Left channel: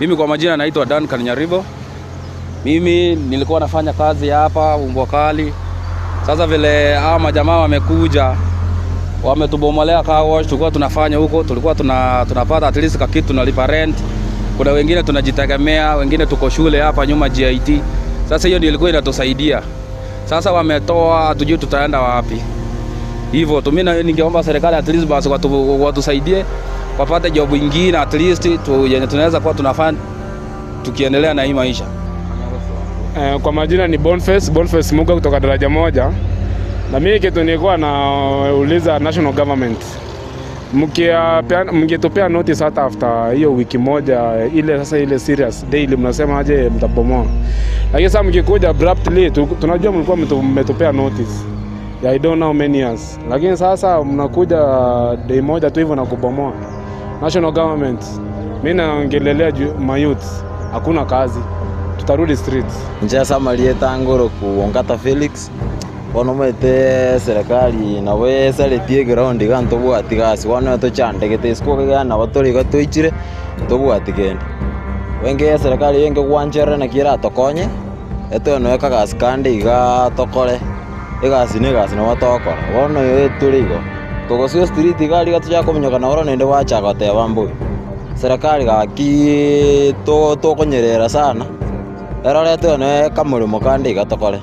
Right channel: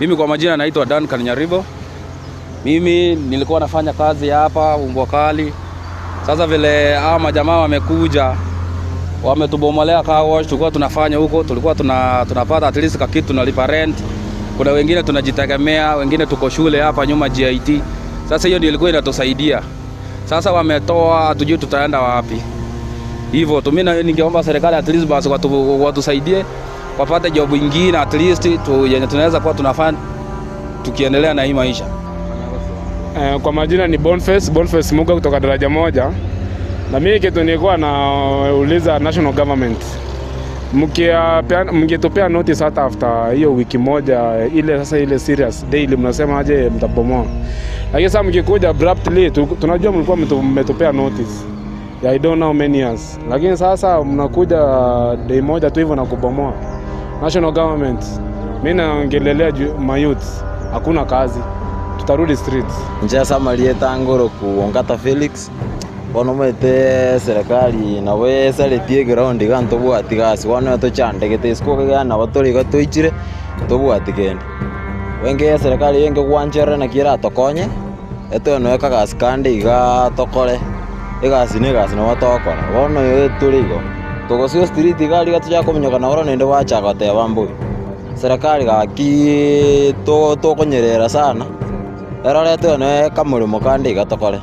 Mimi kwa majina naitwa Duncan Nyaribo. Mimi nilikuwa nafanya kazi hapa Umbokali. Sasa vile hawa majamaa wamekuja, wametubomolea car wash, tulikuwa tunafanya huko, tulikuwa tunapata at least kitu, tunalipa rent. Kuna wengine tunajitegemea, wengine tuko shule hapa nyuma GIT. Sasa hiyo ndio ilikuwa inatusaidia. Sasa wametoa, hatujui tutaenda wapi. Hivyo mimi ningeomba serikali at least basi watusaidie wapate job nyingine at least yenye tunaweza kuwa tunafanya tukiendelea na hii maisha. Kwa majina ni Boniface Muga kutoka daraja moja. Na mimi kitu nilikuwa nauliza national government, mngetupea notice hata after hiyo wiki moja ile, sasa ile serious daily mnasema aje mtabomoa. Lakini sasa mkikuja abruptly, tunajua mlikuwa mmetupea notice ya I don't know many years, lakini sasa mnakuja day moja tu hivyo na kubomoa. National government, mimi naongelelea mayouth, hakuna kazi, tutarudi streets. Njia Samarieta Ngoro kuongata Felix wonomete serikali nawe saletie ground gantobu atigasi wana to chande getesko gana watori gatoichire tobu atigende wenge serikali yenge gwanjera na kira tokonye eto no ekagas kandi iga tokore egasi ne gas no watokora wono yo turigo togosio street gali gatuja komunyoka na woro nende wacha gote bambu serikali ga ki to konyerera sana era leto no kamurimo kandi iga tokore.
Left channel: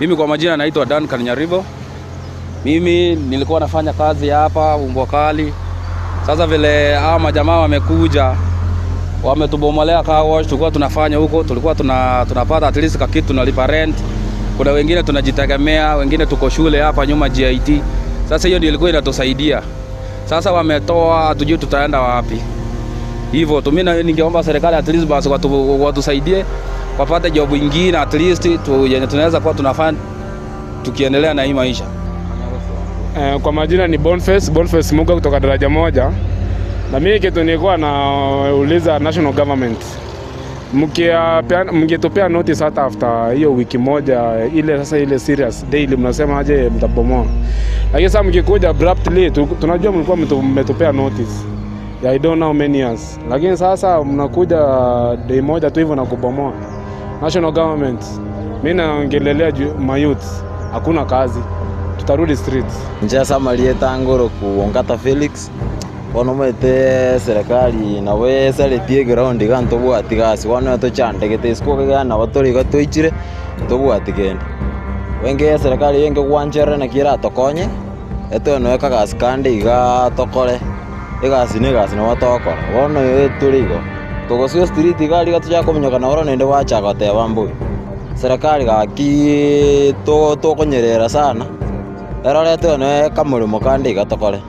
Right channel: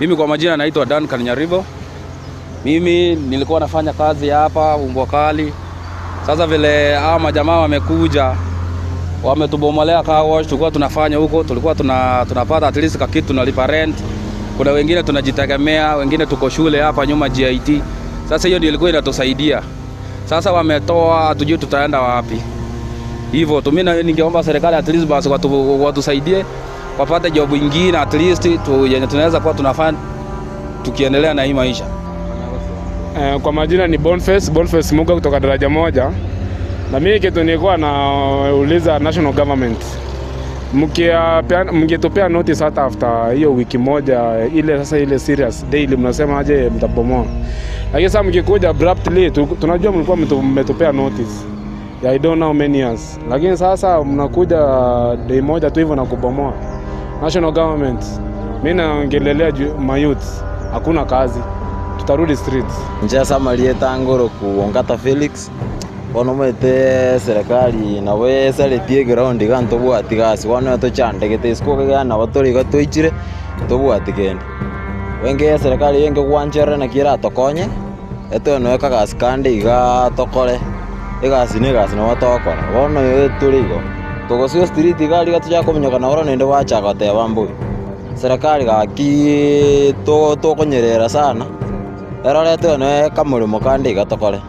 Mimi kwa majina naitwa Dan Kanyaribo. Mimi nilikuwa nafanya kazi hapa Umbwa Kali. Sasa vile hao majamaa wamekuja, wametubomolea car wash, tulikuwa tunafanya huko, tulikuwa tunapata at least kitu, tunalipa rent. Kuna wengine tunajitegemea, wengine tuko shule hapa nyuma GIT. Sasa hiyo ndio ilikuwa inatusaidia. Sasa wametoa, hatujui tutaenda wapi. Hivyo mimi ningeomba serikali at least basi watusaidie wapate job nyingine at least yenye tunaweza kuwa tunafanya tukiendelea na hii maisha. Kwa majina ni Boniface Muga kutoka daraja moja. Na mimi kitu nilikuwa nauliza national government, mngetupea notice hata after hiyo wiki moja ile sasa ile serious daily mnasema aje mtabomoa. Lakini sasa mkikuja abruptly tunajua mlikuwa mmetupea notice ya I don't know many years. Lakini sasa mnakuja day moja tu hivyo na kubomoa. National government, mimi naongelelea mayouth, hakuna kazi. Tutarudi streets. Njia sama lieta ngoro kuongata Felix. Wanomaite serikali nawe saletie ground ganto bwati gasi wana to chandegete sko gana watori gatoichire to bwati gende. Wenge serikali yenge gwanjera na kira tokonye eto no eka gas kandi iga tokore egasi ne gas no watokora wono yeturigo togosio street gali gatuja komenyoka na oro nende wacha gote bambu serikali gaki to konyerera sana erore eto no eka mulimo kandi iga tokore.